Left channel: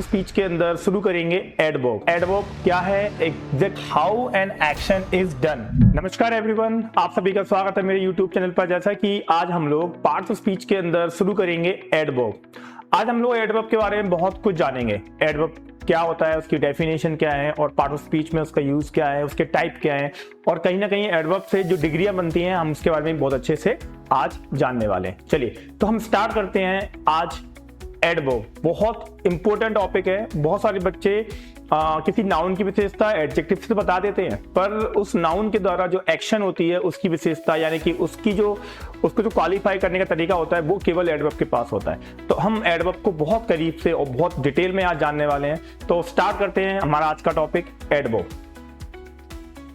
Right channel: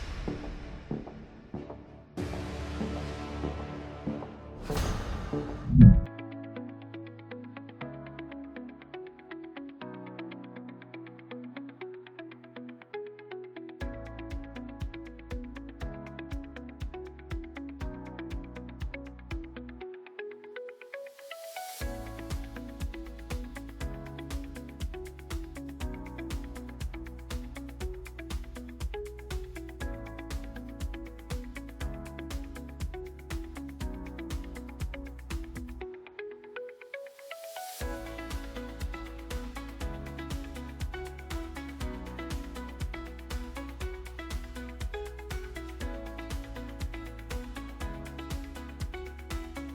Of speech के अंदर शुरू करेंगे एडवर्ब। एडवर्ब क्या है, exact how an action is done. नमस्कार एवरीवन, आप सभी का स्वागत है मेरे यूट्यूब चैनल पर। जैसा कि आज हम लोग पार्ट्स ऑफ स्पीच के अंदर शुरू करेंगे एडवर्ब। आज हम लोग एडवर्ब के बारे में बहुत कुछ जानेंगे। एडवर्ब क्या होता है, उसकी डेफिनेशन क्या है और पार्ट ऑफ स्पीच में उसका यूज क्या है, उसके टाइप क्या है और कहीं ना कहीं एडवर्ब से जो डिग्रियां बनती हैं हम उसके बारे में बहुत अच्छे से आज जानने वाले हैं। चलिए तो हम स्टार्ट करते हैं आज एडवर्ब। बहुत इंपॉर्टेंट टॉपिक है। बहुत सारे बच्चे किसी नाउन की विशेषता एडजेक्टिव से बता देते हैं, पर उस नाउन के द्वारा जो एक्शन होती है उसकी विशेषता यानी कि उसको जो क्वालिफाई करने का तरीका होता है वो केवल एडवर्ब के पास होता है। तो हम एडवर्ब को बहुत करीब से और बहुत डिटेल में आज जानने वाले हैं। तो स्टार्ट करते हैं हमारा आज का टॉपिक एडवर्ब।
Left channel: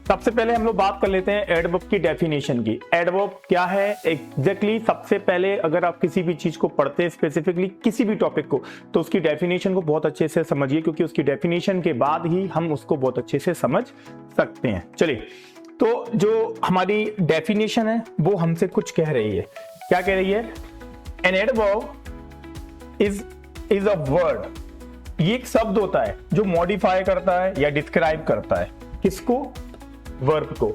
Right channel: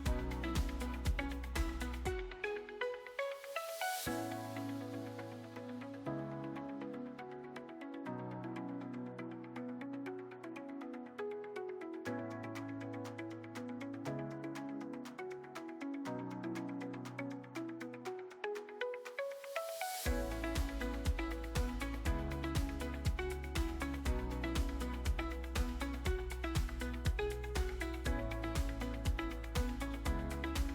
सबसे पहले हम लोग बात कर लेते हैं एडवर्ब की डेफिनेशन की। एडवर्ब क्या है एग्जैक्टली सबसे पहले अगर आप किसी भी चीज को पढ़ते हैं, स्पेसिफिकली किसी भी टॉपिक को, तो उसकी डेफिनेशन को बहुत अच्छे से समझिए, क्योंकि उसकी डेफिनेशन के बाद ही हम उसको बहुत अच्छे से समझ सकते हैं। चलिए तो जो हमारी डेफिनेशन है वो हमसे कुछ कह रही है। क्या कह रही है? An adverb is a word. ये एक शब्द होता है जो मॉडिफाई करता है या डिस्क्राइब करता है किसको? वर्ब को।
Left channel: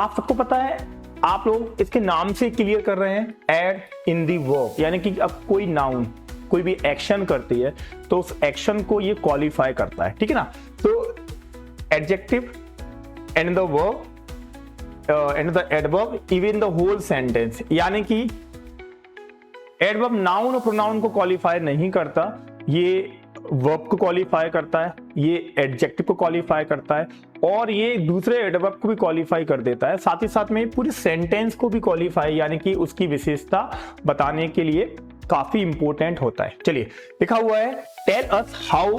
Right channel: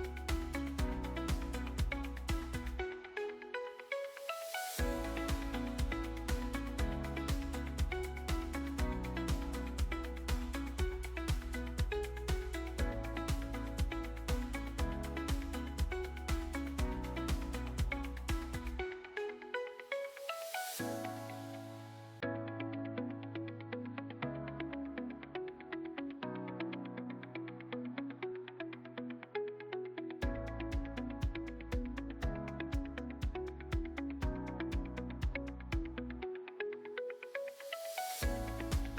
आप सबको पता है, आप लोग इसके नाम से क्लियर कर रहे हैं, एड इन दी वर्ब, यानी कि अब कोई नाउन कोई भी एक्शन करती है तो उस एक्शन को ये क्वालिफाई करता है, ठीक है ना। तो adjective and the verb and the adverb even the whole sentence, यानी कि एडवर्ब नाउन और प्रोनाउन को क्वालिफाई नहीं करता, ये वर्ब को क्वालिफाई करता है, ये एडजेक्टिव को क्वालिफाई करता है और ये दूसरे एडवर्ब को भी क्वालिफाई कर देता है। साथ ही साथ में पूरी सेंटेंस को भी क्वालिफाई यानी कि उसकी विशेषता बताने के लिए काफी इंपॉर्टेंट होता है। चलिए लिखा हुआ है, tell us how,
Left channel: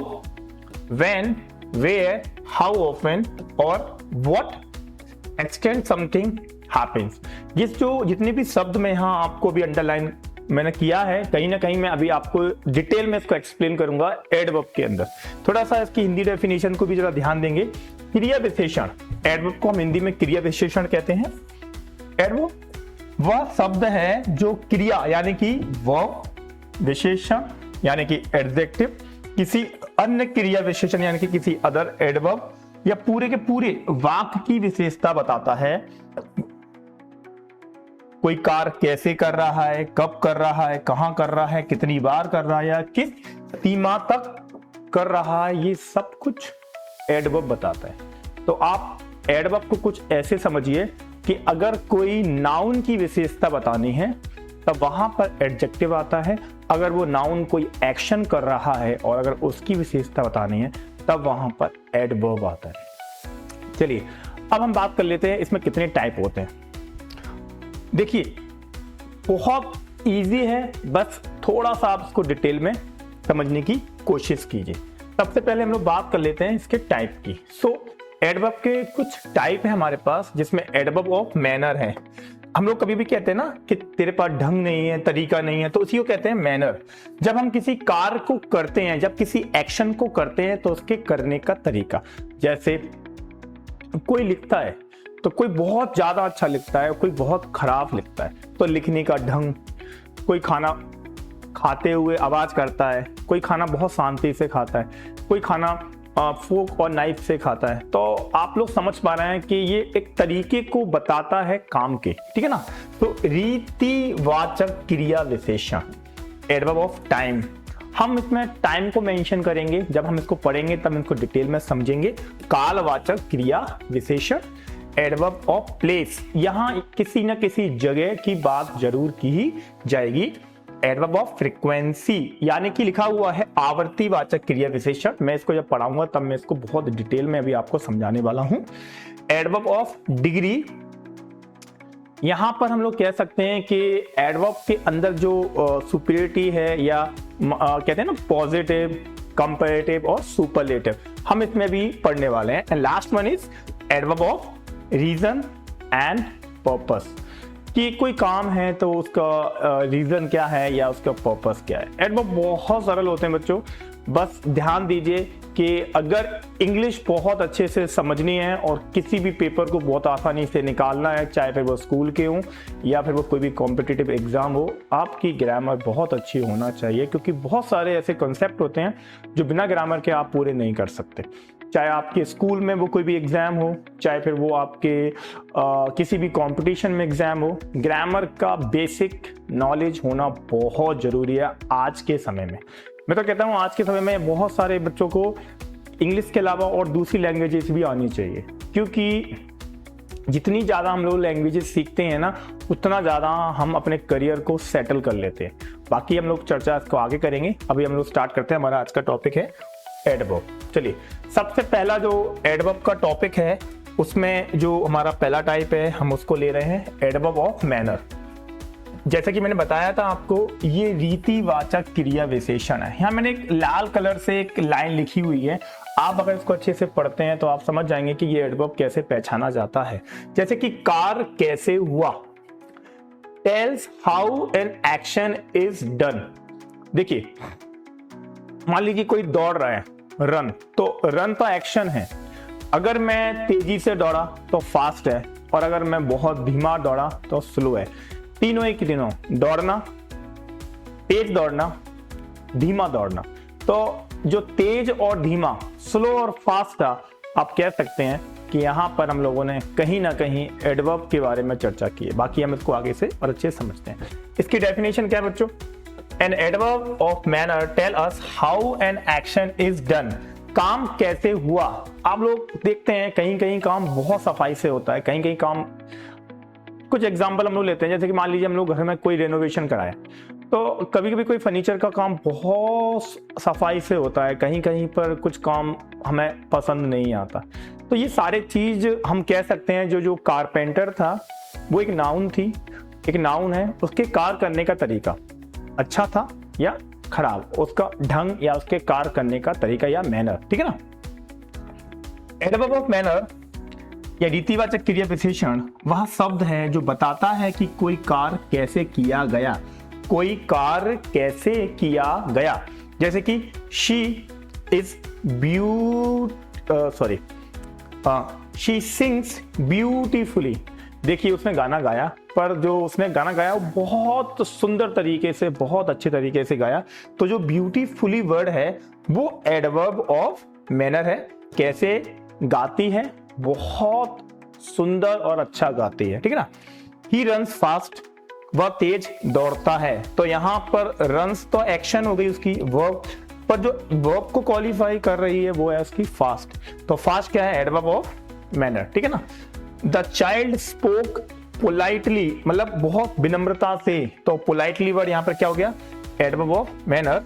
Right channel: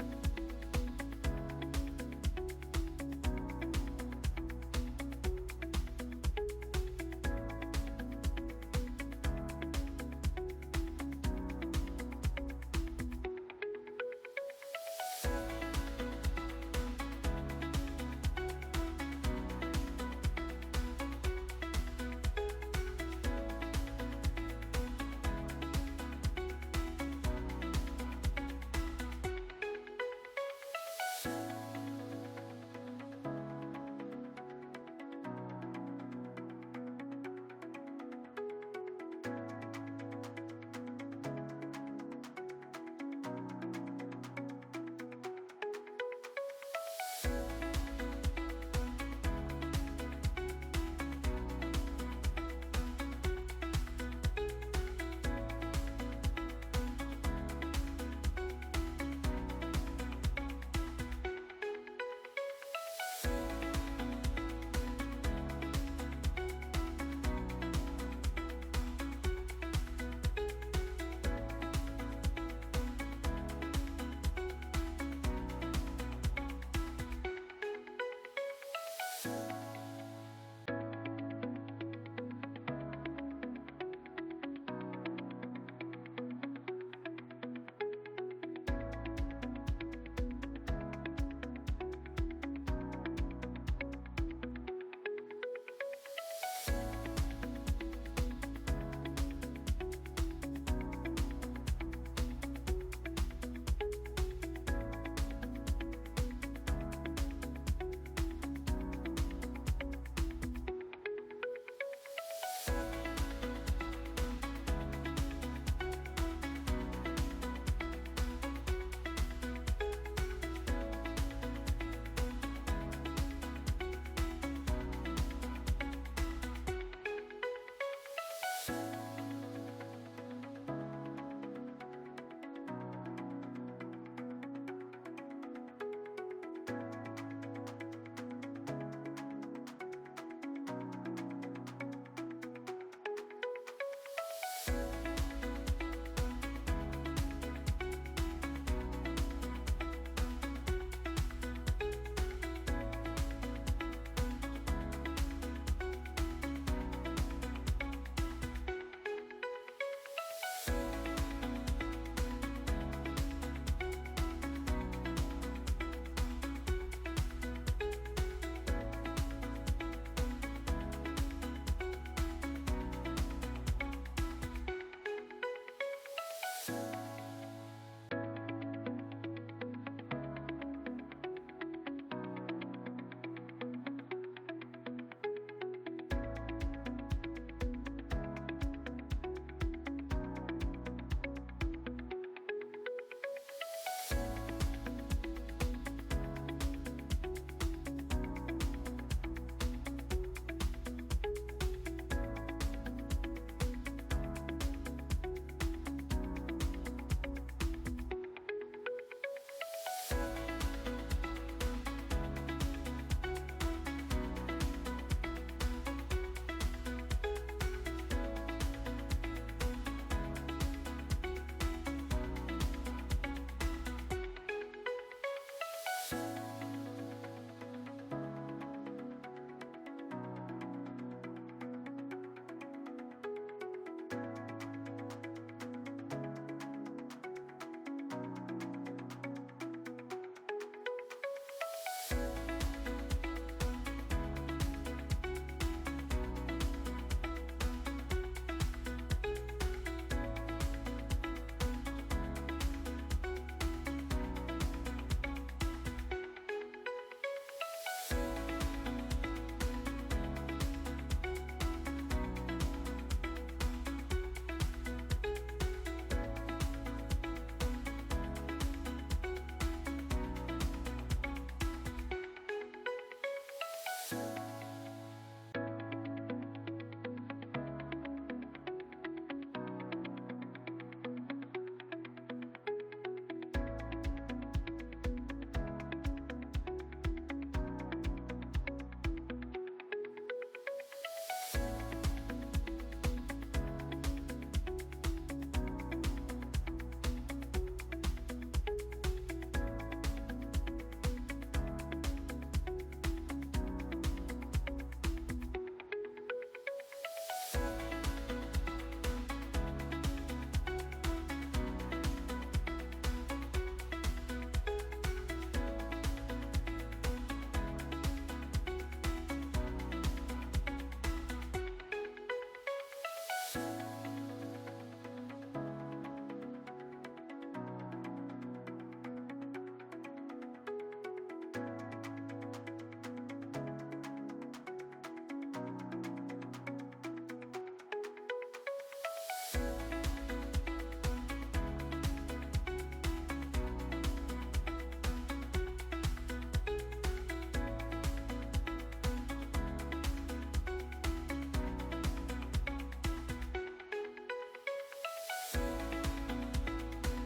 when, where, how often और व्हाट एक्सटेंड समथिंग हैपेंस। ये जो जितने भी शब्द में यहाँ आपको भी अंडरलाइन मैंने किया है, कहीं ना कहीं मैं अभी आपको डिटेल में इसको एक्सप्लेन करूंगा एडवर्ब के अंदर। थोड़ा सा इसकी हिंदी डेफिनेशन को भी जरा ध्यान देंगे। क्रिया विशेषण, एडवर्ब को हम हिंदी में क्रिया विशेषण कहते हैं। एडवर्ब वह शब्द है जो क्रिया यानी कि वर्ब, विशेषण यानी कि एडजेक्टिव, किसी अन्य क्रिया विशेषण यानी कि किसी अदर एडवर्ब या पूरे के पूरे वाक्य की विशेषता बताता है। कोई कार्य कैसे कर रहा है, कब कर रहा है, कहां कर रहा है, कितनी बार कर रहा है या किस सीमा तक कर रहा है, ये सब कुछ एडवर्ब बताता है। तो आप एडवर्ब को कुछ ऐसे समझिए कि अगर कोई नाउन की विशेषता बतानी है तब वहां पर एडजेक्टिव आता है, अगर वो नाउन कोई एक्शन कर रहा है और अगर उसकी विशेषता बतानी है तब वहां पर एडवर्ब आता है। चलिए अब हम बात कर लेते हैं इसमें कितने टाइप होते हैं। देखिए बहुत इजी है, बस थोड़ा सा आप इसको डिटेल में समझने की कोशिश कीजिए। सबसे पहले हम लोग बात कर लेते हैं इसके टाइप की। सो एडवर्ब के कुछ टाइप है हमारे पास, जिसमें एडवर्ब ऑफ मैनर है। हम लोग कभी भी कहते हैं ना कि तेरे पास ढंग नहीं है, तरीका नहीं है, तो उसी को कहते हैं मैनर। जब हम किसी कार्य को करते हैं, जब किसी एक्शन को करते हैं तो उसके करने का तरीका, जैसे कोई लिखता है तो कोई बहुत ज्यादा अच्छा लिखता है, कोई बहुत खराब लिखता है, तो लिखने का ढंग, कोई खाना खाते हुए आवाज करता है, कोई खाना बहुत शांति से खाता है, कोई खाना फोक और नाइफ से खाता है। तो आप लोग समझ पा रहे हैं कि ये एक तरीके को बताता है काम के, ठीक है ना। तो रीतिवाचक क्रिया विशेषण, एडवर्ब ऑफ टाइम, हम इसमें टाइम को मेंशन करेंगे, जब हम इसको पढ़ेंगे तब इसको डिटेल में समझेंगे। कालवाचक क्रिया विशेषण, एडवर्ब ऑफ प्लेस, यहां किसी न किसी जगह की बात जरूर की जाएगी। एडवर्ब ऑफ फ्रीक्वेंसी, यानी कि लिखा हुआ है आवर्तीवाचक क्रिया विशेषण। मैं इसको जब पढ़ाऊंगा तब मैं इसको बहुत डिटेल में अभी आपको समझाने वाला हूं। एडवर्ब ऑफ डिग्री, यहां पर हम लोग कह सकते हैं कि एडवर्ब के अंदर जो सुपीरियरिटी है या कहते हैं ना पॉजिटिव, कंपैरेटिव और सुपरलेटिव, हम इसमें भी पढ़ने वाले हैं। And last one is adverb of reason and purpose, कि कोई काम है तो उसका रीजन क्या है या उसका पर्पस क्या है। एडवर्ब बहुत सरल होते हैं बच्चों, बस ध्यान दीजिए कि अगर इंग्लिश बहुत अच्छे से समझनी है और किसी भी पेपर को बहुत आसानी से निकालना है, चाहे फिर वो स्कूल के हों या फिर वो कोई भी कॉम्पिटिटिव एग्जाम हो, आपकी ग्रामर बहुत अच्छी होना चाहिए, क्योंकि बहुत सारे ऐसे कॉन्सेप्ट होते हैं जो बिना ग्रामर के आप पूरे नहीं कर सकते। चाहे आपके स्कूल में वो कोई भी एग्जाम हो, चाहे फिर वो आपके किसी भी कंपटीशन में एग्जाम हो, ग्रामर का बेसिक नॉलेज होना बहुत ज़रूरी है आज के समय में। मैं तो कहता हूँ आज के समय में बहुत सारे बच्चों को इंग्लिश के अलावा और दूसरी लैंग्वेजेस भी आनी चाहिए, क्योंकि जितनी ज़्यादा हम लोग लैंग्वेजेस सीखते हैं ना, उतना ज़्यादा हम अपने करियर को सेटल कर लेते हैं। बाकी हम लोग चर्चा इसको आगे करेंगे। अभी हम लोग स्टार्ट करते हैं। हमारा आज का टॉपिक है एडवर्ब। चलिए, सबसे पहला जो एडवर्ब का टॉपिक है, उसमें जो हमारा पहला टाइप है, हम उसको ले रहे हैं एडवर्ब ऑफ मैनर। जैसा कि मैंने बताया था आपको, ये रीतिवाचक क्रिया विशेषण है। यहाँ मैंने एक लाल कलर से एक लाइन लिखी हुई है, आप अगर इसको अच्छे से पढ़ते हैं तो आप समझ जाएंगे कि ये एडवर्ब कैसे पहचाना जाता है। जैसे कि कार कैसे हुआ, tales how an action is done. देखिए, मान लीजिए कोई दौड़ रहा है, रन, तो रन तो एक्शन है। अगर मैं तेजी से दौड़ा तो फास्ट है, और अगर मैं बहुत धीमा दौड़ा तो स्लो है। तीनों ही तीनों, दौड़ना, तेज दौड़ना, धीमा दौड़ना। तो जो तेज और धीमा, स्लो और फास्ट था, आप कह सकते हैं कि यहाँ पर हम लोगों ने कहीं ना कहीं एडवर्ब के बारे में चर्चा की है। बाकी हम इसको आगे से और अच्छे से समझते हैं। इसकी डेफिनेशन क्या है बच्चों? An adverb of manner tell us how an action is done. काम कैसे हुआ। आप लोग देखते हैं कहीं कहीं काम बहुत सफाई से होता है, कहीं कहीं काम, कुछ एग्जांपल हम लोग लेते हैं। जैसे कि मान लीजिए हम लोग घर में कोई रेनोवेशन कराए, तो कभी कभी कोई फर्नीचर का काम बहुत सफाई से होता है, कहीं कहीं पर कुछ काम हमें पसंद नहीं आता। तो ये सारे चीज हम कह सकते हैं। जो कारपेंटर था वो एक नाउन थी, एक नाउन है, उसके कार करने का तरीका अच्छा था या खराब, उसका ढंग या उसके कार्य करने का तरीका या मैनर, ठीक है ना। एडवर्ब ऑफ मैनर या रीतिवाचक क्रिया विशेषण वह शब्द है जो बताता है कि कोई कार्य कैसे किया गया, कोई कार्य कैसे किया गया। जैसे कि she is she sings beautifully. देखिए, उसने गाना गाया, पर जो उसने गाना गाया वो बहुत सुंदर तरीके से, बहुत अच्छे तरीके से गाया। तो जो ब्यूटीफुली वर्ड है वो एडवर्ब ऑफ मैनर है। कैसे गाती है, बहुत सुंदर और अच्छा गाती है, ठीक है ना। ही रन्स फास्ट, वह तेज दौड़ता है। तो यहाँ पर रन्स तो एक्शन हो गई उसकी, वर्ब, पर जो वर्ब को क्वालिफाई कर रही है वो है उसकी फास्ट। तो फास्ट क्या है? एडवर्ब ऑफ मैनर, ठीक है ना। द चाइल्ड स्पोक पोलाइटली, मतलब बहुत विनम्रता से। तो पोलाइटली वर्ड यहाँ पर क्या हो गया? Adverb of manner.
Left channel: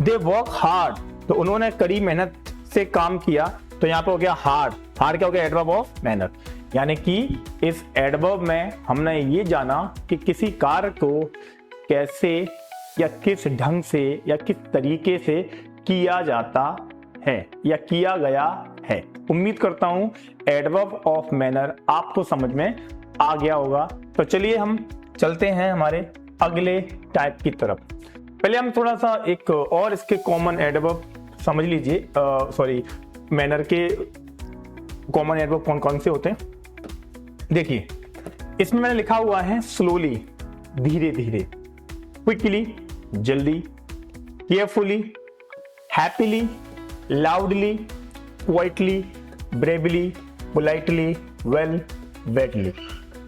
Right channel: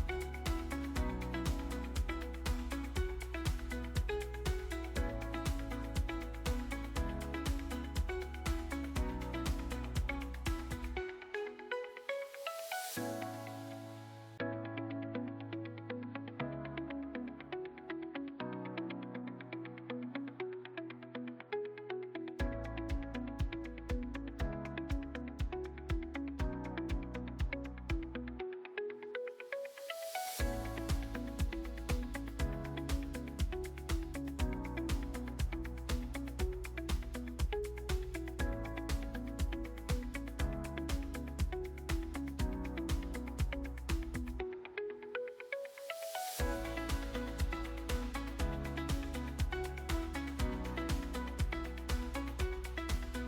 They work hard, तो उन्होंने कड़ी मेहनत से काम किया, तो यहाँ पर हो गया हार्ड। हार्ड क्या हो गया? Adverb of manner. यानी कि इस एडवर्ब में हमने ये जाना कि किसी कार्य को कैसे या किस ढंग से या किस तरीके से किया जाता है या किया गया है। उम्मीद करता हूं एडवर्ब ऑफ मैनर आपको समझ में आ गया होगा। तो चलिए हम चलते हैं हमारे अगले टाइप की तरफ। पहले हम थोड़ा सा एक और इसके कॉमन एडवर्ब समझ लीजिए। मैनर के कॉमन एडवर्ब कौन कौन से होते हैं। देखिए, इसमें मैंने लिखा हुआ है स्लोली, धीरे धीरे, क्विकली, जल्दी, carefully, happily, loudly, quietly, bravely, politely, well, wetly.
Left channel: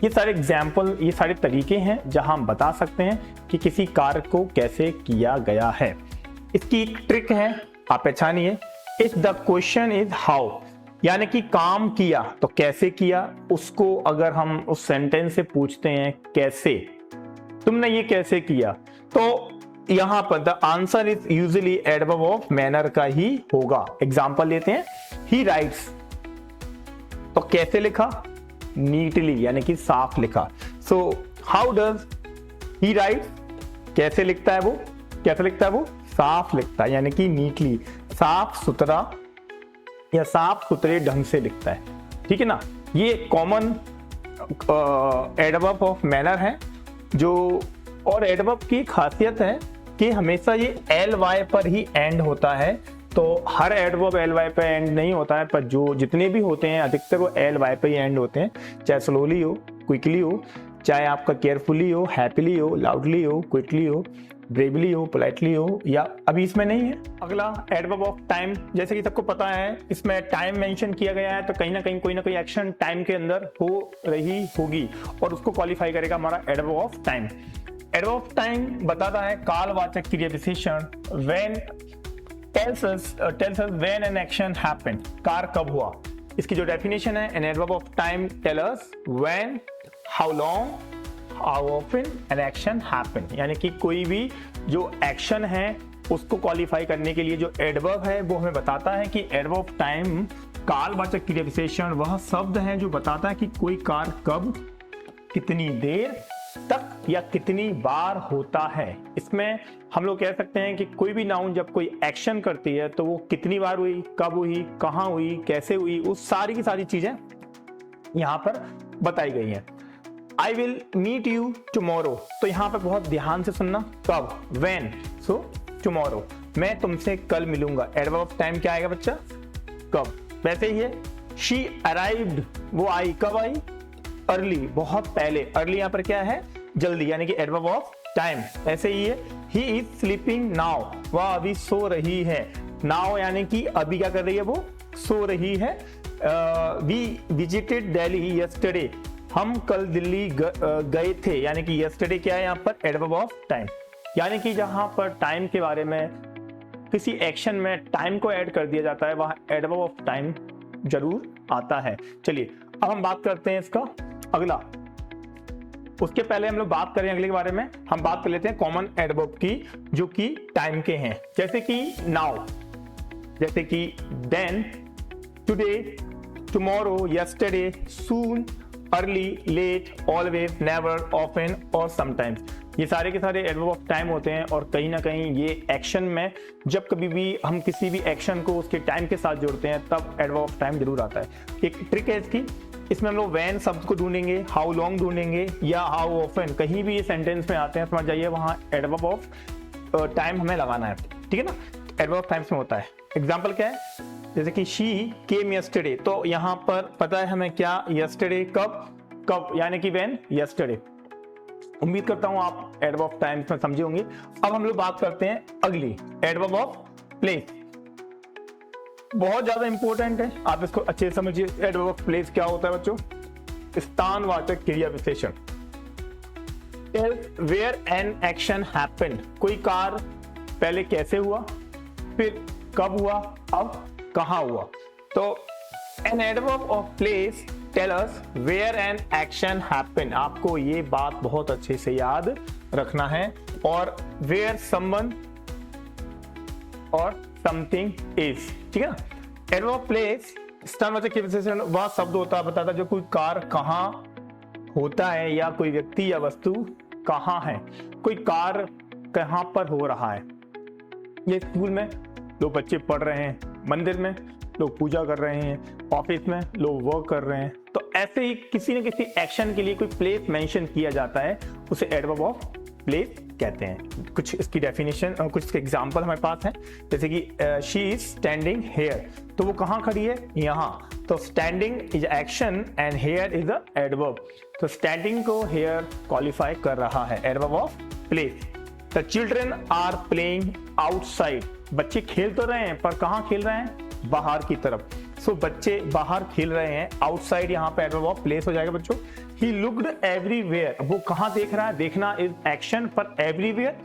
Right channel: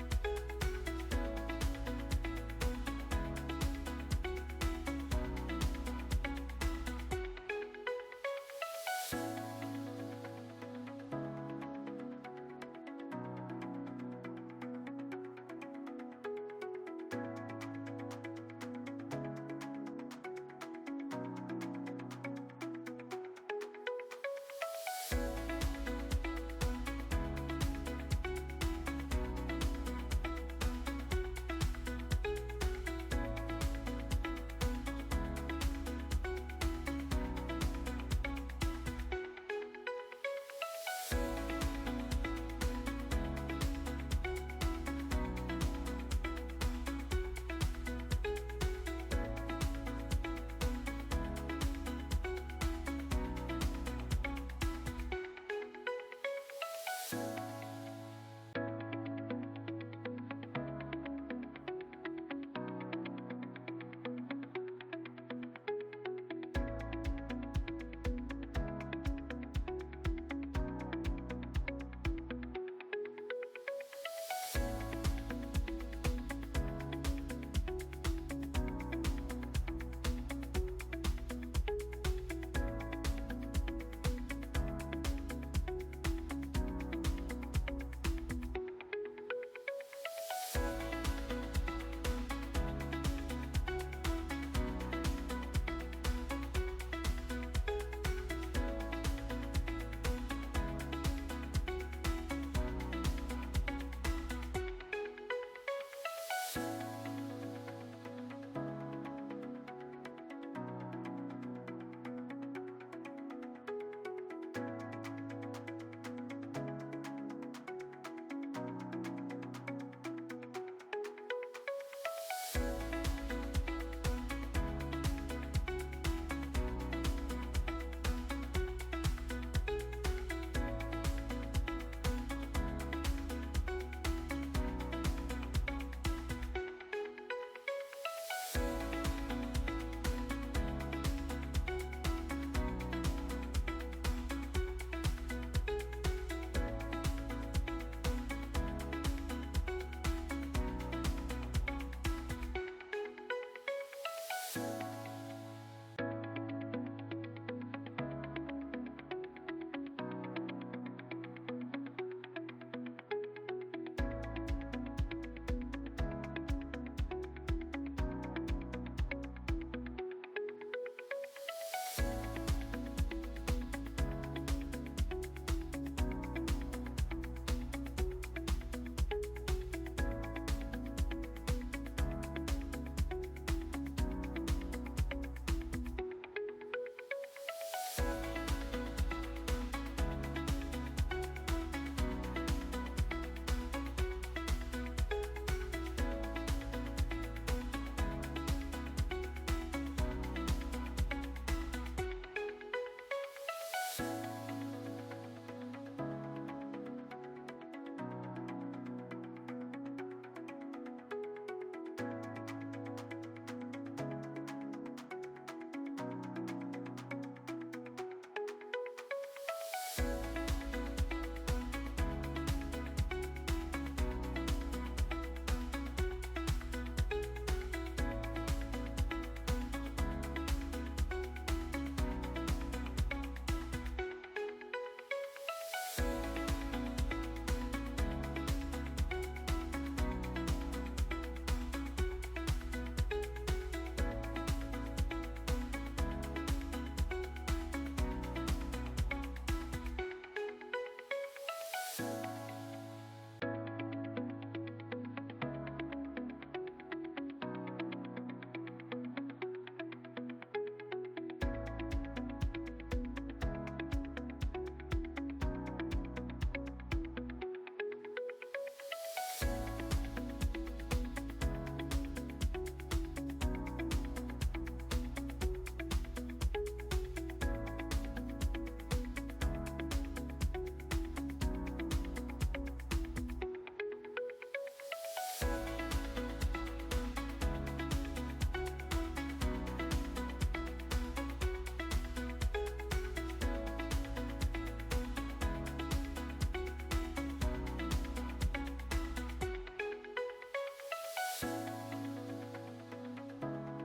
ये सारे एग्जाम्पल, ये सारे तरीके हैं जहां हम बता सकते हैं कि किसी कार्य को कैसे किया गया है। इसकी एक ट्रिक है, आप पहचानिए। If the question is how, यानी कि काम किया तो कैसे किया, उसको अगर हम उस सेंटेंस से पूछते हैं कैसे, तुमने ये कैसे किया, तो यहां पर the answer is usually adverb of manner का ही होगा। एग्जांपल लेते हैं। ही राइट्स, तो कैसे लिखा? नीटली, यानी कि साफ लिखा। So how does he right, कैसे लिखता है वो? कैसे लिखता है वो? साफ लिखता है, यानी कि नीटली, साफ सुथरा या साफ सुथरे ढंग से लिखता है, ठीक है ना। ये कॉमन एडवर्ब ऑफ मैनर है। जो और एडवर्ब की खासियत है कि हमेशा ये एल वाई पर ही एंड होता है। तो हर एडवर्ब एल वाई पे एंड नहीं होता है, पर जो जितने भी होते हैं अधिकतर वो एल वाई पे ही एंड होते हैं, चाहे स्लोली हो, क्विकली हो, चाहे आपका केयरफुली हो, हैप्पीली हो, लाउडली हो, क्विकली हो, ब्रेवली हो, पोलाइटली हो, या अभी इसमें नहीं है। अगला एडवर्ब ऑफ टाइम, जैसे कि सबको पता है इसमें टाइम मेंशन किया गया है, तो कहीं ना कहीं कोई ना कोई एक्शन टाइम के अंदर हो रही होगी और उसको क्वालिफाई करेगा हमारा adverb of time. Adverb of time बताता है कालवाचक क्रिया विशेषण when tells us when an action happened, car कब हुआ। इसकी जो डेफिनेशन है, an adverb of time tell us when, how long, how often an action happened, यानी कि कोई भी जो एक्शन है उसको क्वालिफाई करने के लिए जो एडवर्ब है वो हमें बताता है कि एडवर्ब ऑफ टाइम कालवाचक क्रिया विशेषण वह शब्द है जो बताता है कि कोई कार कब, कितनी देर तक या कितनी बार होता है। इसमें हम लोग कह सकते हैं कि कोई भी नाउन जब कोई एक्शन करती है तो वो कितनी बार हुई, कब हुई, कहाँ हुई, कैसे हुई, उस सारी की सारी चीजें यहाँ पर बताई गई हैं। I will meet you tomorrow, तो यहाँ पर बहुत ध्यान से सुनना, कब, व्हेन, सो टुमारो, मैं तुमसे कल मिलूंगा। एडवर्ब ऑफ टाइम क्या आएगा बच्चा, कब। वैसे ही है शी अराइव्ड, वो आई, कब आई, अर्ली, बहुत पहले। अर्ली यहाँ पर क्या है, जल्दी, यानी कि एडवर्ब ऑफ टाइम। ऐसे ही है ही इज स्लीपिंग नाउ, वह अभी सो रही है। नाउ यानी कि अभी क्या कर रही है, वो सो रही है। वी विजिटेड दिल्ली यस्टरडे, हम कल दिल्ली गए थे, यानी कि यस्टरडे क्या है यहाँ पर, एडवर्ब ऑफ टाइम। यानी कि जहां पर टाइम के बारे में किसी एक्शन में टाइम को ऐड कर दिया जाता है वहां एडवर्ब ऑफ टाइम जरूर आता है। चलिए अब हम बात करते हैं इसका अगला। उसके पहले हम लोग बात करें अगले के बारे में, हम बात कर लेते हैं कॉमन एडवर्ब की जो कि टाइम के हैं, जैसे कि नाउ, जैसे कि then, today, tomorrow, yesterday, soon, early, late, always, never, often और समटाइम्स। ये सारे के सारे एडवर्ब ऑफ टाइम होते हैं और कहीं ना कहीं ये एक्शन में जब कभी भी हम किसी भी एक्शन को उसके टाइम के साथ जोड़ते हैं तब एडवर्ब ऑफ टाइम जरूर आता है। एक ट्रिक है इसकी, इसमें हम लोग व्हेन शब्द को ढूंढेंगे, हाउ लॉन्ग ढूंढेंगे या हाउ ऑफन, कहीं भी ये सेंटेंस में आते हैं समझ जाइए वहां एडवर्ब ऑफ टाइम हमें लगाना है, ठीक है ना। एडवर्ब ऑफ टाइम्स में होता है, एग्जांपल क्या है, जैसे कि शी केम यस्टरडे, तो यहाँ पर पता है हमें क्या, यस्टरडे कब, कब यानी कि व्हेन, यस्टरडे। उम्मीद करता हूं आप एडवर्ब ऑफ टाइम्स में समझे होंगे। अब हम लोग बात करते हैं अगली, एडवर्ब ऑफ प्लेस। बहुत ज्यादा इंपॉर्टेंट है, आप इसको अच्छे से समझिए। एडवर्ब ऑफ प्लेस क्या होता है बच्चों, स्थानवाचक क्रिया विशेषण। वेयर एन एक्शन हैपेंड, कोई कार्य पहले कैसे हुआ, फिर कब हुआ, अब कहां हुआ। तो an adverb of place tell us where an action happened, आपको ये बात बहुत अच्छे से याद रखना है। और वेयर समवन और समथिंग इज, ठीक है ना। एडवर्ब ऑफ प्लेस स्थानवाचक क्रिया विशेषण वह शब्द होता है बताता जो कोई कार्य कहां होता है या कोई व्यक्ति या वस्तु कहां है, कोई कार्य कहां पर हो रहा है। ये स्कूल में लोग बच्चे पढ़ रहे हैं, मंदिर में लोग पूजा कर रहे हैं, ऑफिस में लोग वर्क कर रहे हैं। तो ऐसे ही किसी न किसी एक्शन के लिए कोई प्लेस मेंशन किया जाता है, उसे एडवर्ब ऑफ प्लेस कहते हैं। कुछ इसकी डेफिनेशन और कुछ एग्जांपल हमारे पास है, जैसे कि शी इज स्टैंडिंग हेयर, तो वो कहाँ खड़ी है, यहाँ। तो standing is action and here is a adverb, तो स्टैंडिंग को हेयर क्वालिफाई कर रहा है, adverb of place. The children are playing outside, बच्चे खेल तो रहे हैं पर कहाँ खेल रहे हैं, बाहर की तरफ। सो बच्चे बाहर खेल रहे हैं, आउटसाइड यहाँ पे एडवर्ब ऑफ प्लेस हो जाएगा बच्चों। ही लुक्ड एवरीवेयर, वो कहाँ देख रहा है, देखना इज एक्शन पर एवरीवेयर,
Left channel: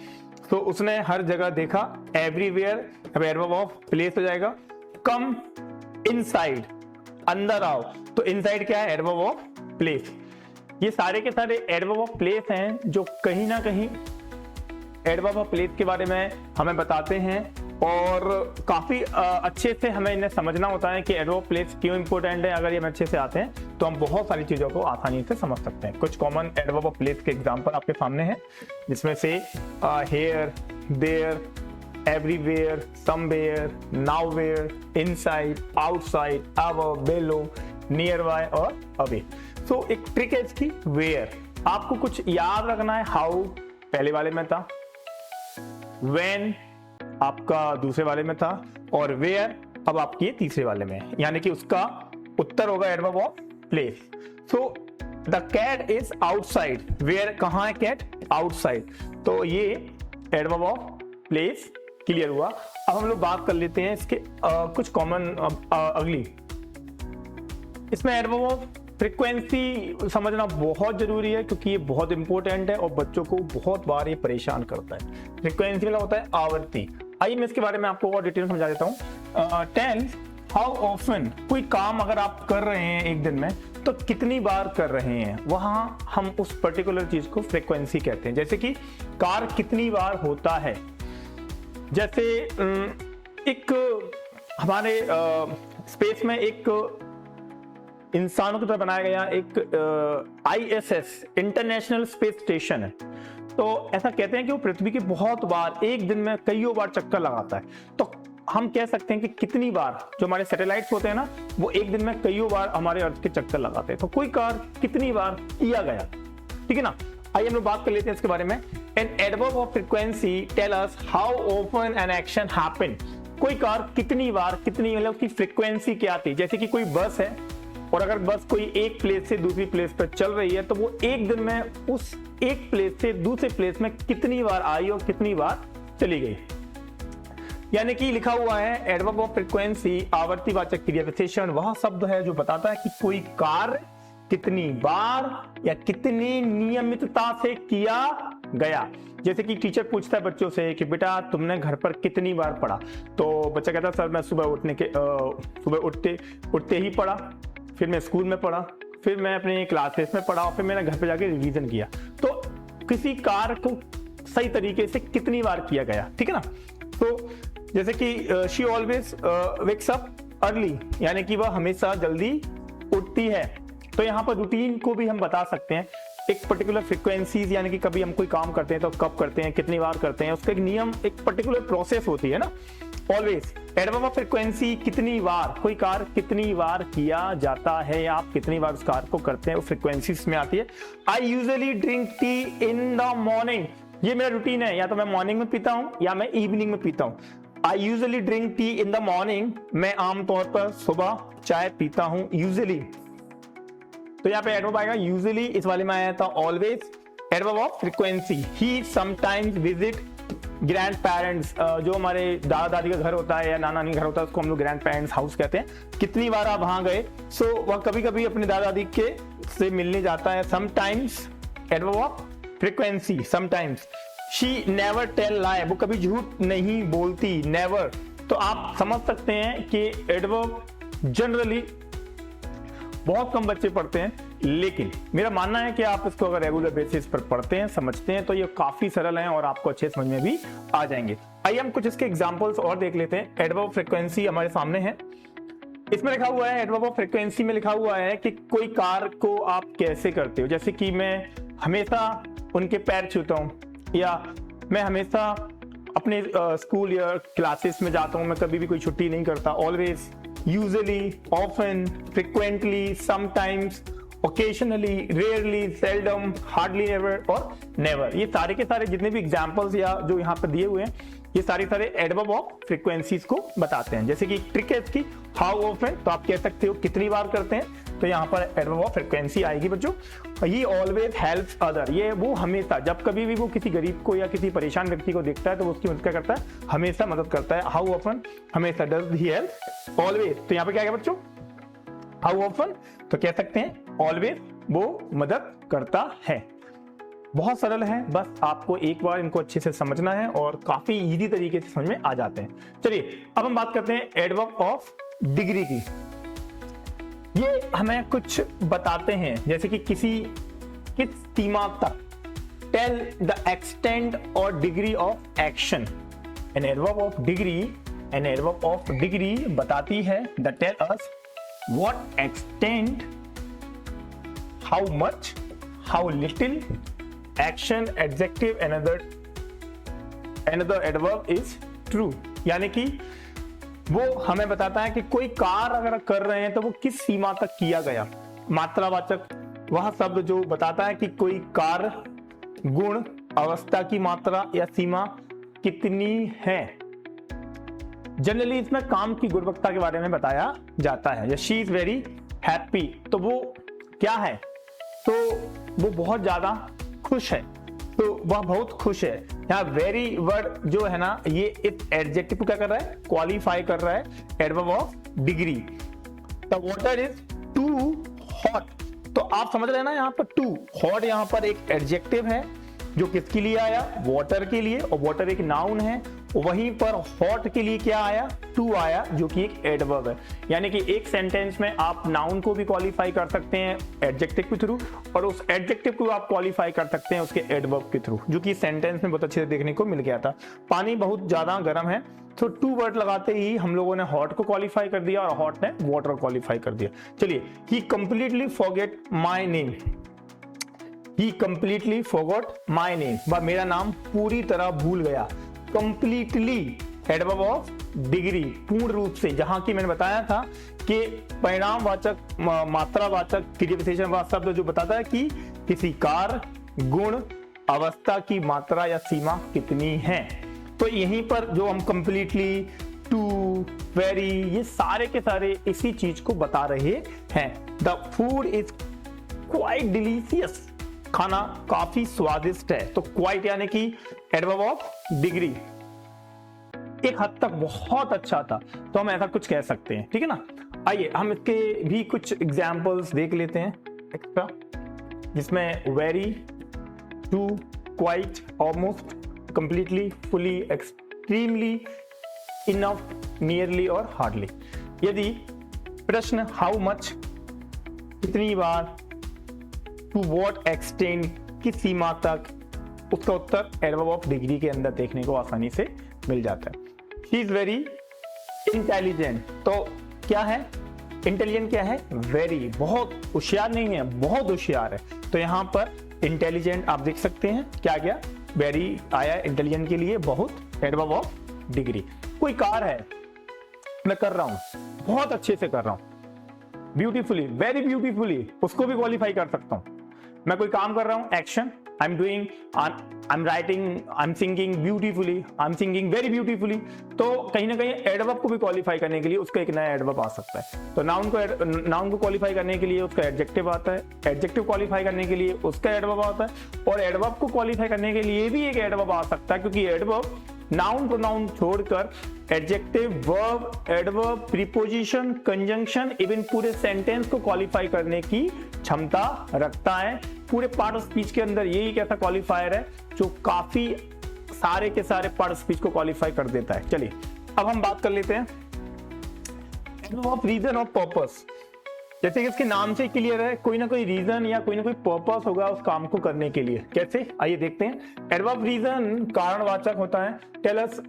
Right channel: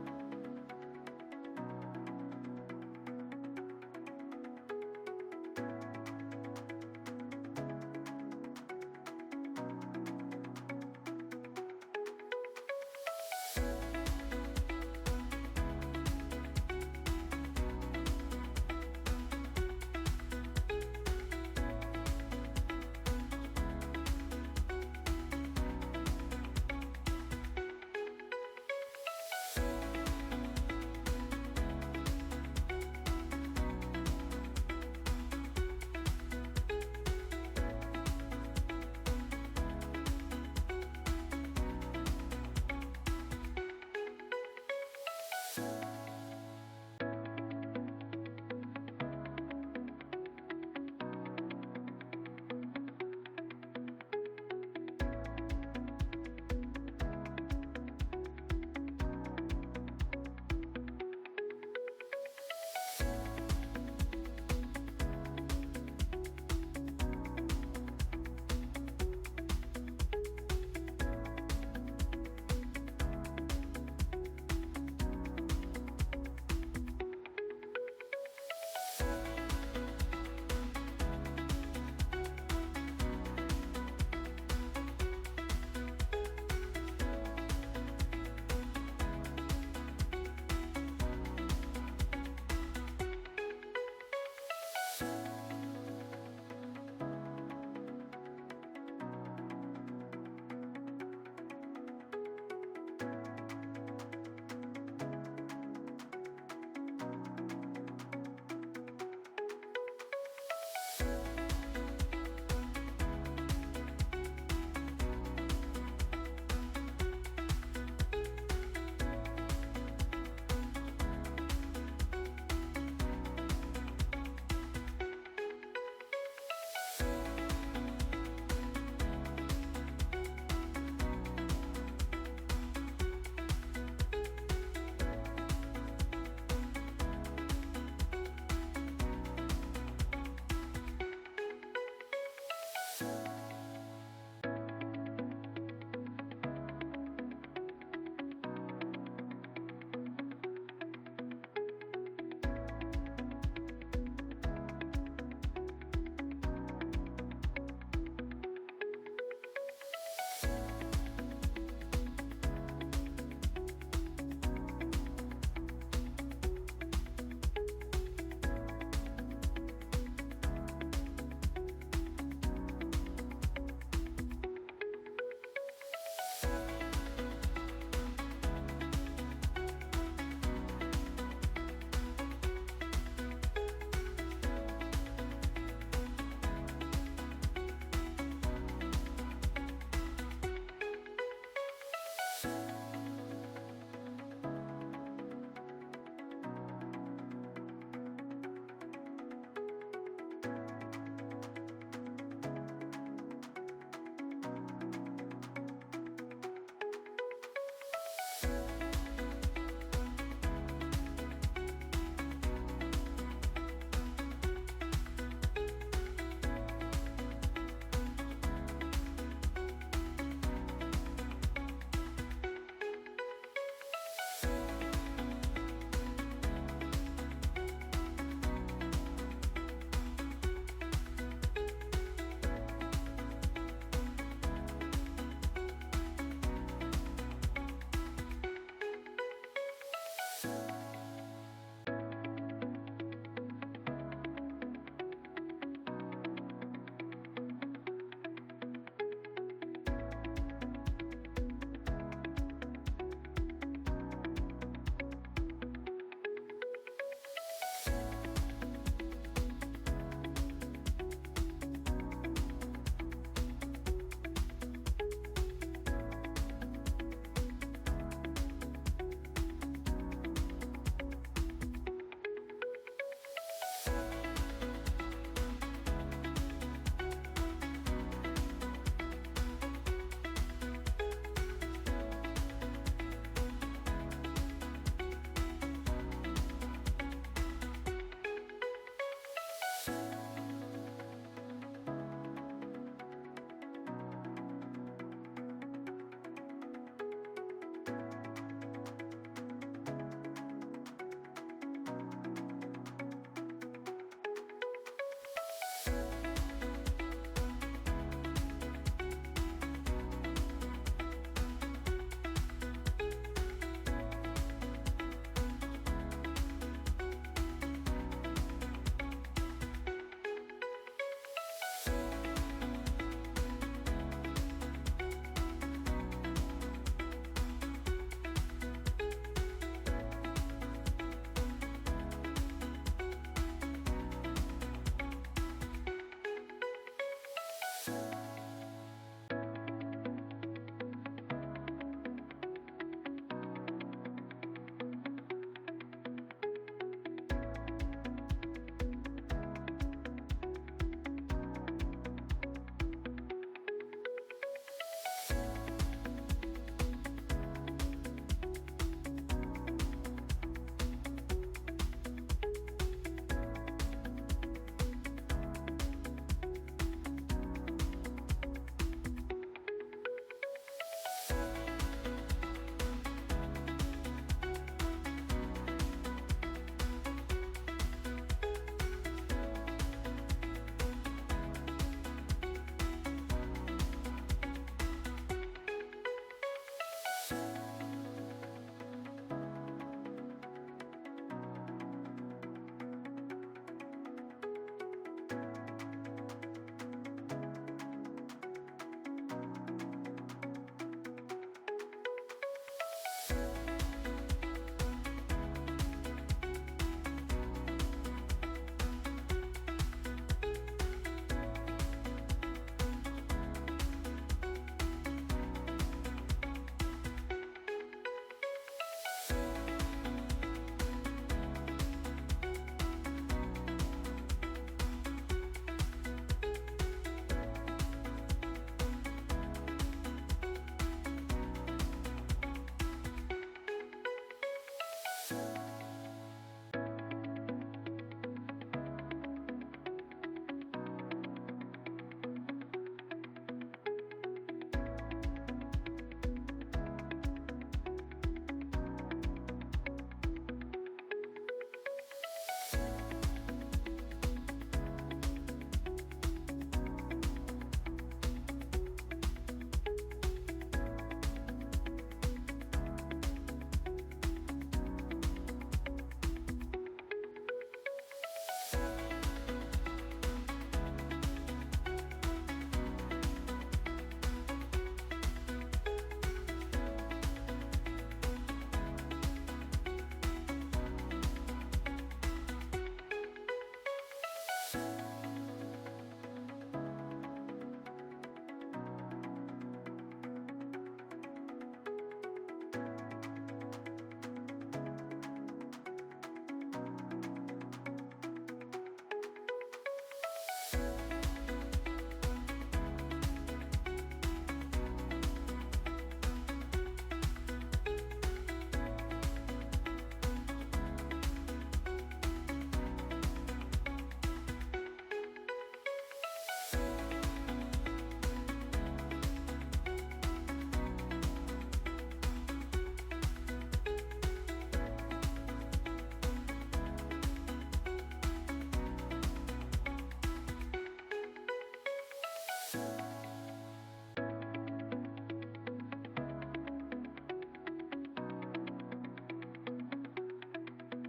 तो उसने हर जगह देखा, एवरीवेयर अब एडवर्ब ऑफ प्लेस हो जाएगा। कम इनसाइड, अंदर आओ, तो इनसाइड क्या है, एडवर्ब ऑफ प्लेस। ये सारे के सारे एडवर्ब ऑफ प्लेस हैं जो कहीं ना कहीं एडवर्ब ऑफ प्लेस के बारे में हमें बताते हैं और काफी अच्छे से हमें इन्हें समझना होता है कि एडवर्ब ऑफ प्लेस क्यों इंपॉर्टेंट है। अगर ये अच्छे से आते हैं तो हम बहुत सारी चीजों को आसानी से समझ सकते हैं। कुछ कॉमन एडवर्ब ऑफ प्लेस के एग्जांपल आपके सामने हैं, जिसमें से here, there, everywhere, somewhere, nowhere, inside, outside, above, below, near by और अवे। सो एक ट्रिक है इसकी, वेयर। आपको कुछ याद रखना है, हाउ पहले वाले में था, when आपका दूसरे वाले में था, और where अब आपकी ये तीसरे वाले में है, यानी कि उसका उत्तर होगा adverb of place. So the cat is outside, where कहाँ है कैट, आउटसाइड, तो ये एडवर्ब ऑफ प्लेस क्लियर हुआ। अब हम लोग बात कर लेते हैं इसके कुछ कॉमन अगली। इसमें एडवर्ब ऑफ फ्रीक्वेंसी समझना बहुत जरूरी है, क्योंकि ये बहुत इंपॉर्टेंट है और बच्चों को बहुत बार ये परेशान करता है। फ्रीक्वेंसी का होता है आवृत्ति। आइए मैं इसके बारे में आपको और डिटेल समझा देता हूँ। टेल हाउ ऑफन, कोई काम अगर आप कर रहे हैं एक दिन में तो कितनी बार कर रहे हैं, वहां हम उस पर्टिकुलर चीज को फ्रीक्वेंसी कहते हैं। जैसे कि कार कितनी बार होता है, जैसे एक हमारे स्पेस में एक इंसानों की तरह बनाया गया एक ISS इंटरनेशनल स्पेस स्टेशन है, तो ऐसा कहते हैं कि वो पृथ्वी के बहुत बार एक दिन में कईयों बार चक्कर लगाता है। तो हम कह सकते हैं कि कितनी बार जो हमारे सैटेलाइट्स होते हैं ना, वो एक दिन में कईयों बार हमारे अर्थ के चक्कर लगाते हैं। तो कोई कार्य कितनी बार किया गया, ठीक है ना। आइए हम लोग बात कर लेते हैं इसके बारे में। An adverb of frequency tell us how often an action happen, कोई कार्य कितनी बार, कितनी मतलब की फ्रीक्वेंसी क्या थी। जैसे कि कोई बस है और अगर बस कोई एक प्लेस से दूसरी प्लेस पर चल रही है, तो वो एक दिन में उस एक प्लेस से दूसरे प्लेस में कितनी बार आई और कितनी बार चली गई। यानी कि लिखा हुआ है एडवर्ब ऑफ फ्रीक्वेंसी आवर्तीवाचक क्रिया विशेषण वह शब्द है जो बताता है कि कोई कार्य कितनी बार या कितनी नियमितता से किया गया। जैसे कि टीचर पूछता है बच्चों से कि बेटा तुमने घर पर कितनी बार पढ़ा, तो बच्चा कहता है सर मैं सुबह उठते ही पढ़ा, फिर मैं स्कूल में पढ़ा, फिर मैं अपने क्लासेस में पढ़ा और फिर मैंने घर पे जाके रिवीजन किया। तो किसी कार्य को सही तरीके से कितनी बार किया गया, ठीक है ना। तो जैसे कि she always wakes up early, यानी कि वह हमेशा जल्दी उठती है। तो यहाँ पर रूटीन को भी हम बता सकते हैं, एक पर्टिकुलर फ्रीक्वेंसीज, यानी कि कभी हम कोई काम करते हैं तो कब करते हैं, कितनी बार करते हैं, उसका एक नियम, एक पर्टिकुलर प्रोसेस होती है ना। ऑलवेज एडवर्ब ऑफ फ्रीक्वेंसी कितनी बार, कोई कार्य कितनी बार किया जाता है या आप कितनी बार उस कार्य को करते हैं, वो फ्रीक्वेंसीज में आती है। I usually drink tea in the morning, ये मेरा रूटीन है, या तो मैं मॉर्निंग में पीता हूँ या मैं इवनिंग में पीता हूँ। I usually drink tea in the morning, मैं आमतौर पर सुबह चाय पीता हूँ यूजुअली। तो यहाँ पे एडवर्ब आएगा यूजुअली, इस वाले में आया था always. Adverb of frequency he sometimes visit grand parents, जो हमारे दादा दादी का घर होता है या नाना नानी घर होता है उसको हम लोग ग्रैंड पेरेंट्स हाउस कहते हैं। कितनी बार आप वहां गए, सो वह कभी कभी अपने दादा दादी के से मिलने जाता है। Sometimes adverb of frequency sometimes. She never tell lie, वो कभी झूठ नहीं बोलती, नेवर। तो आप समझ सकते हैं कि एडवर्ब जनरली बहुत कम बच्चे पढ़ते हैं, लेकिन मेरा मानना है कि आप इसको अगर रेगुलर बेसिस पर पढ़ते हैं, समझते हैं, तो ये काफी सरल हैं और आपको अच्छे समझ में भी आ जाएंगे। आइए हम कुछ इसके एग्जांपल्स और देख लेते हैं। एडवर्ब ऑफ फ्रीक्वेंसी हमारे सामने है, इसमें लिखा हुआ है, एडवर्ब ऑफ फ्रीक्वेंसी में लिखा हुआ है कि कोई कार्य को आप कैसे करते हो। जैसे कि मैं हमेशा उनके पैर छूता हूँ, या मैं हमेशा अपने स्कूल या क्लासेस में जाता हूँ, मैं कभी भी कोई छुट्टी नहीं करता। Always, usually, often, frequently, sometimes, occasionally, rarely, seldom, hardly ever और नेवर। ये सारे के सारे जितने भी एग्जांपल्स या जो यहाँ पर दिए हुए हैं, ये सारे एडवर्ब ऑफ फ्रीक्वेंसीज को बताते हैं। जैसे कि ट्रिक है इसकी, हाउ ऑफन, तो आप कह सकते हो कितनी बार करते हैं, तो यहाँ पर एडवर्ब ऑफ फ्रीक्वेंसी आएगी बच्चों। ही ऑलवेज हेल्प्स अदर, ये वो हमेशा, जब कभी भी वो किसी गरीब को या किसी परेशान व्यक्ति को देखता है तो वो उसकी मदद करता है, हमेशा मदद करता है। हाउ ऑफन, हमेशा। डज ही हेल्प, ऑलवेज, तो यहाँ पे क्या है बच्चों, हाउ ऑफन, तो कह सकते हैं ऑलवेज वो मदद करता है। बहुत सरल है, बस आपको एक बार इनको अच्छे से समझना है और काफी इजी तरीके से समझ में आ जाते हैं। चलिए अब हम बात करते हैं एडवर्ब ऑफ डिग्री की। ये हमें कुछ बताते हैं, जैसे कि किस सीमा तक, टेल द एक्सटेंट और degree of action. An adverb of degree बताती है the tell us what extent, how much, how little action, adjective, another adverb is true, यानी कि वो हमें बताता है कि कोई कार्य अगर कर रहे हैं तो वो किस सीमा तक किया गया। मात्रावाचक वह शब्द जो बताता है कि कोई कार्य गुण, अवस्था की मात्रा या सीमा कितनी है। जनरली इसमें काम की गुणवत्ता के बारे में बताया जाता है। शी इज वेरी हैप्पी, तो वो क्या है, तो वो बहुत ज्यादा खुश है, तो वह बहुत खुश है। यहाँ वेरी वर्ड जो है ना, ये इस एडजेक्टिव को क्या कर रहा है, क्वालिफाई कर रहा है, adverb of degree. The water is too hot, तो आप समझ रहे हैं ना, यहाँ पर टू हॉट यहाँ पर एक एडजेक्टिव है जो किसके लिए आया, वाटर के लिए, और वाटर एक नाउन है। वहीं पर हॉट के लिए क्या आया, टू आया, जो कि एक एडवर्ब है। यानी कि एक सेंटेंस में आप नाउन को भी क्वालिफाई कर सकते हैं एडजेक्टिव के थ्रू, और उस एडजेक्टिव को आप क्वालिफाई कर सकते हैं उसके एडवर्ब के थ्रू, जो कि सेंटेंस में बहुत अच्छे से देखने को मिल गया था। पानी बहुत ज्यादा गर्म है, तो टू वर्ड लगाते ही हम लोगों ने हॉट को क्वालिफाई कर दिया और हॉट ने वाटर क्वालिफाई कर दिया। चलिए, he completely forget my name, he completely forgot my name, वह मेरा नाम पूरी तरह भूल गया। कंप्लीटली एडवर्ब ऑफ डिग्री, पूर्ण रूप से, जहां की मैंने बताया था कि परिणामवाचक मात्रावाचक क्रियाविशेषण वह शब्द जो बताता है कि किसी कार्य, गुण, अवस्था की मात्रा या सीमा कितनी है। तो यहीं पर जो हम कंप्लीटली, टू, वेरी, ये सारे के सारे इसी चीज को बता रहे हैं। The food is quite delicious, खाना काफी स्वादिष्ट है। तो क्वाइट यानी कि एडवर्ब ऑफ डिग्री, एक हद तक बहुत अच्छा था, तो हम ऐसा कुछ कह सकते हैं, ठीक है ना। आइए हम इसके भी कुछ एग्जांपल्स देख लेते हैं एक्स्ट्रा, जिसमें very, too, quite, almost, completely, fully, extremely, enough, nearly और हार्डली। यदि प्रश्न हाउ मच, कितनी बार, टू व्हाट एक्सटेंट, किस सीमा तक, उसका उत्तर एडवर्ब ऑफ डिग्री के अंदर देखने को आसानी से मिल जाता है। शी इज वेरी इंटेलिजेंट, तो क्या है, इंटेलिजेंट क्या है, वेरी, बहुत होशियार नहीं है, बहुत होशियार है। तो यहाँ पर इंटेलिजेंट आप देख सकते हैं क्या गया, वेरी आया इंटेलिजेंट के लिए, बहुत, एडवर्ब ऑफ डिग्री। कोई कार है, मैं कर रहा हूं, बहुत अच्छे से कर रहा हूं, ब्यूटीफुली, वेरी ब्यूटीफुली, उसको भी क्वालिफाई कर सकता हूं। मैं कोई काम कर रहा हूं, action, I am doing, I am writing, I am singing beautifully, I am singing very beautifully. तो कहीं ना कहीं एडवर्ब को भी क्वालिफाई करने के लिए उसका एक नया एडवर्ब आ सकता है। तो नाउन को क्वालिफाई करने के लिए उसका एडजेक्टिव आता है, एडजेक्टिव क्वालिफाई करने के लिए उसका एडवर्ब आता है, और एडवर्ब को क्वालिफाई करने के लिए भी एक एडवर्ब आ सकता है, क्योंकि एडवर्ब नाउन प्रोनाउन छोड़कर adjective, verb, adverb, preposition, conjunction, even पूरे सेंटेंस को क्वालिफाई करने की क्षमता रखता है। पूरे पार्ट ऑफ स्पीच के अंदर यही एक ऐसा क्वालिफायर है जो काफी सारे के सारे पार्ट ऑफ स्पीच को क्वालिफाई कर देता है। चलिए अब हम बात कर लेते हैं ऑफ रीजन और पर्पस। जैसे कि इसके नाम से क्लियर है, कोई ना कोई रीजन या कोई ना कोई पर्पस होगा उस काम को करने के लिए। कैसे, आइए देखते हैं। एडवर्ब रीजन कारणवाचक होता है। Tell us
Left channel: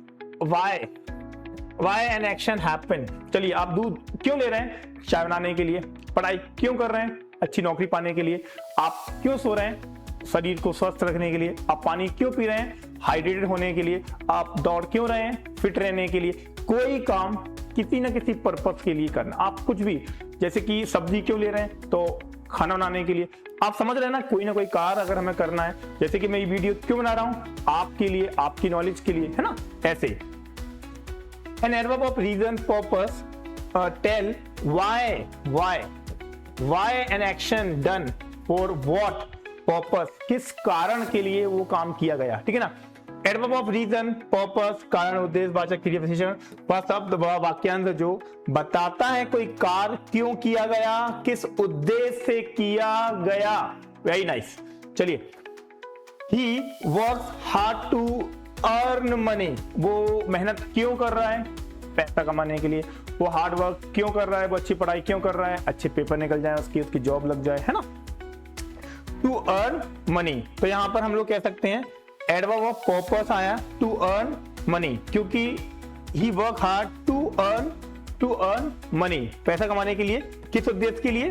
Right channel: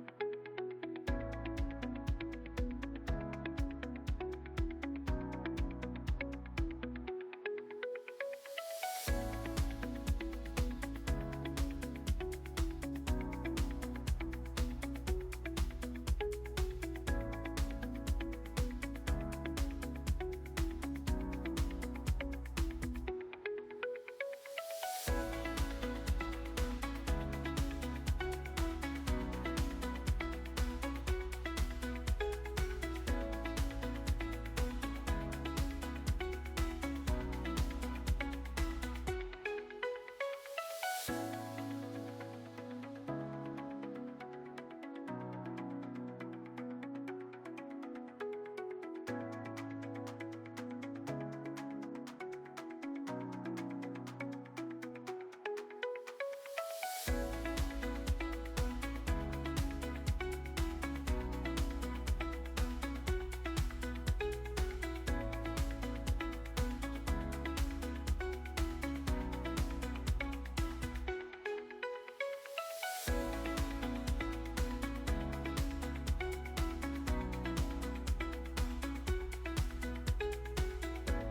why an action happen. चलिए, आप दूध क्यों ले रहे हैं, चाय बनाने के लिए। पढ़ाई क्यों कर रहे हैं, अच्छी नौकरी पाने के लिए। आप क्यों सो रहे हैं, शरीर को स्वस्थ रखने के लिए। आप पानी क्यों पी रहे हैं, हाइड्रेटेड होने के लिए। आप दौड़ क्यों रहे हैं, फिट रहने के लिए। कोई काम किसी न किसी पर्पस के लिए करना। आप कुछ भी, जैसे कि सब्जी क्यों ले रहे हैं, तो खाना बनाने के लिए। आप समझ रहे हैं ना, कोई ना कोई कार्य अगर हमें करना है, जैसे कि मैं ये वीडियो क्यों बना रहा हूं, आपके लिए, आपकी नॉलेज के लिए, है ना, ऐसे। An adverb of reason, purpose, tell why an action done, for what purpose, किस कारण के लिए वो काम किया गया, ठीक है ना। एडवर्ब ऑफ रीजन, पर्पस, कारण, उद्देश्य, वाचक, क्रिया विशेषण, वह शब्द व वाक्यांश जो बताता है कोई कार्य क्यों किया गया, किस उद्देश्य से किया गया। Very nice. चलिए, he works hard to earn money, वो मेहनत क्यों कर रहा है, पैसा कमाने के लिए। वो हार्ड वर्क क्यों कर रहा है, वो अच्छी पढ़ाई क्यों कर रहा है, अच्छे पेपर निकल जाए उसकी जॉब लग जाए, है ना। टू अर्न मनी, तो यहां पर हम लोग कह सकते हैं एडवर्ब ऑफ पर्पस आया, टू अर्न मनी, क्योंकि he work hard to earn money, पैसा कमाने के लिए। किस उद्देश्य के लिए,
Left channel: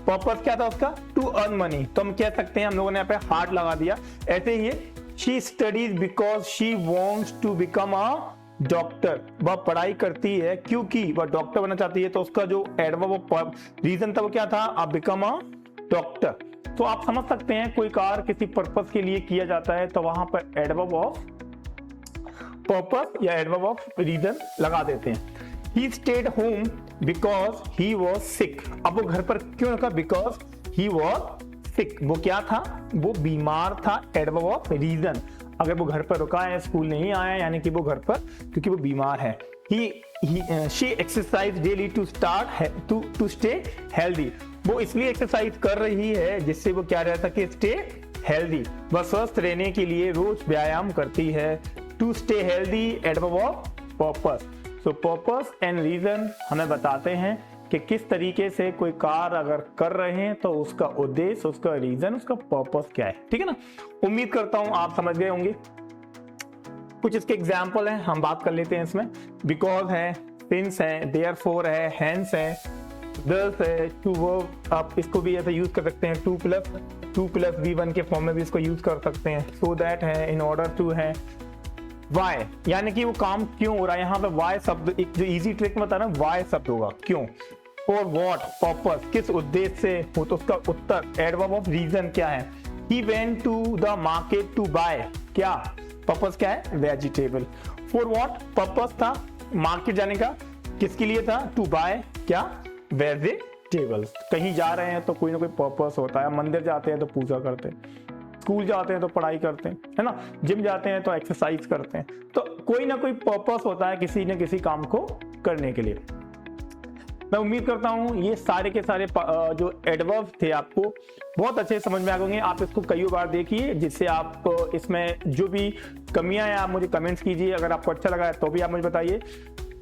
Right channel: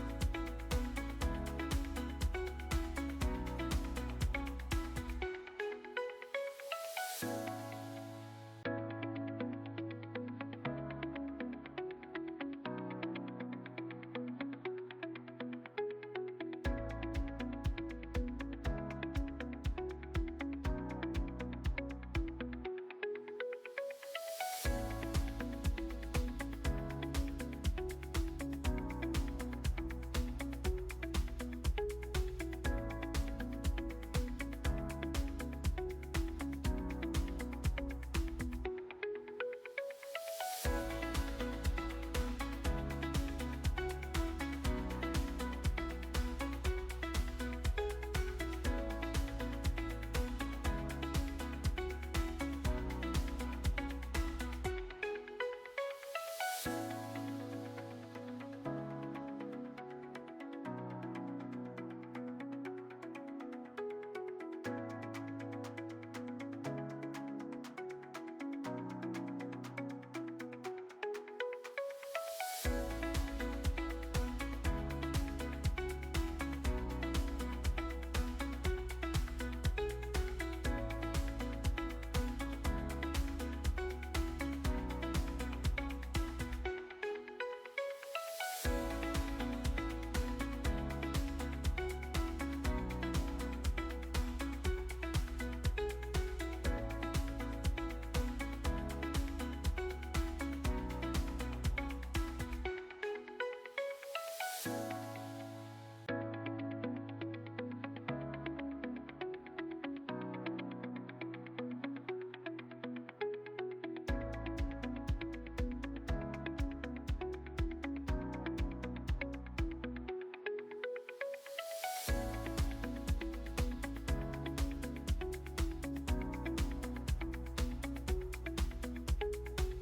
पर्पस क्या था उसका, टू अर्न मनी। तो हम कह सकते हैं, हम लोगों ने यहाँ पे हार्ड लगा दिया। ऐसे ही she studies because she wants to become a doctor, वह पढ़ाई करती है क्योंकि वह डॉक्टर बनना चाहती है। तो उसका जो एडवर्ब ऑफ रीजन था वो क्या था, अब बिकम अ डॉक्टर। तो आप समझ सकते हैं, कोई कार्य किसी पर्पस के लिए किया जाता है तो वहां पर एडवर्ब ऑफ पर्पस या एडवर्ब ऑफ रीजन लगा देते हैं। He stayed home because he was sick. अब वो घर पर क्यों रखा? Because he was sick. वो क्या था? वो बीमार था। Adverb of reason. अगर वो घर पर रुका है, स्कूल नहीं आया, यानी कि वो घर पर क्योंकि वो बीमार है। She exercise daily to stay healthy. वो इसलिए एक्सरसाइज कर रही है जिससे वो क्या रहता कि स्टे हेल्दी। वह स्वस्थ रहने के लिए रोज व्यायाम करती है। To stay healthy adverb of purpose. तो पर्पस एंड रीजन हमें बताते हैं कि किस तरीके से कोई कार्य अगर कर रहे हैं तो उसका उद्देश्य, उसका रीजन, उसका पर्पस क्या है। ठीक है ना? उम्मीद करता हूं आप समझ गए होंगे। कुछ इसके एग्जाम्पल हैं, हम बात कर लेते हैं इसमें। बिकॉज है, सिंस है, देयरफॉर है, हेंस है, दस है, टू वर्ब। आप इसको भी ऐसे यूज कर सकते हैं। टू प्लस V1 के फॉर्म में भी इसको यूज कर सकते हैं। सो दैट है, इन ऑर्डर टू है, वाई यानी कि वो काम क्यों हो रहा है। यहाँ पे वाई शब्द एक जो इजी ट्रिक में बता रहा है, वाई शब्द होगा, क्यों। फॉर व्हाट, पर्पस, किस उद्देश्य से हो, तो उसका उत्तर एडवर्ब ऑफ रीजन क्या है। He went to the market to buy, क्या पर्पस क्या है? वेजिटेबल। फॉर व्हाट, पर्पस था मार्केट जाने का, किसके लिए था? टू बाय क्या? वेजिटेबल। कहीं जा रहे हैं तो कोई ना कोई पर्पस होता है। मंदिर जाते हैं तो पूजा करते हैं, स्कूल जाते हैं तो पढ़ाई करते हैं, है ना, जिम जाते हैं तो एक्सरसाइज करते हैं। तो कोई ना कोई पर्पस होता है किसी न किसी काम को करने के लिए। मैं उम्मीद करता हूं ये सारे के सारे जो एडवर्ब थे आपको बहुत अच्छे समझ में आ गए। आप इसको कई बार देखिए जिससे आप इसमें जो भी कमियां हैं आप मुझे कमेंट्स कीजिए। अगर आपको अच्छा लगा है तो भी आप मुझे बताइए।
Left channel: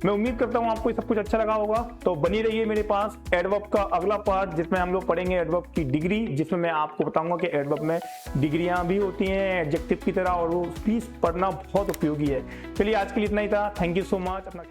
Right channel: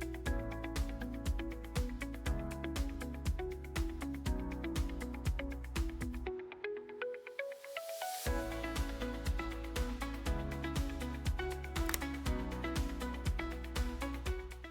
मैं उम्मीद करता हूं आपको सब कुछ अच्छा लगा होगा। तो बनी रहिए मेरे पास एडवर्ब का अगला पार्ट जिसमें हम लोग पढ़ेंगे एडवर्ब की डिग्री, जिसमें मैं आपको बताऊंगा कि एडवर्ब में डिग्रियां भी होती हैं एडजेक्टिव की तरह, और वो भी पढ़ना बहुत उपयोगी है। चलिए आज के लिए इतना ही था। Thank you so much. अपना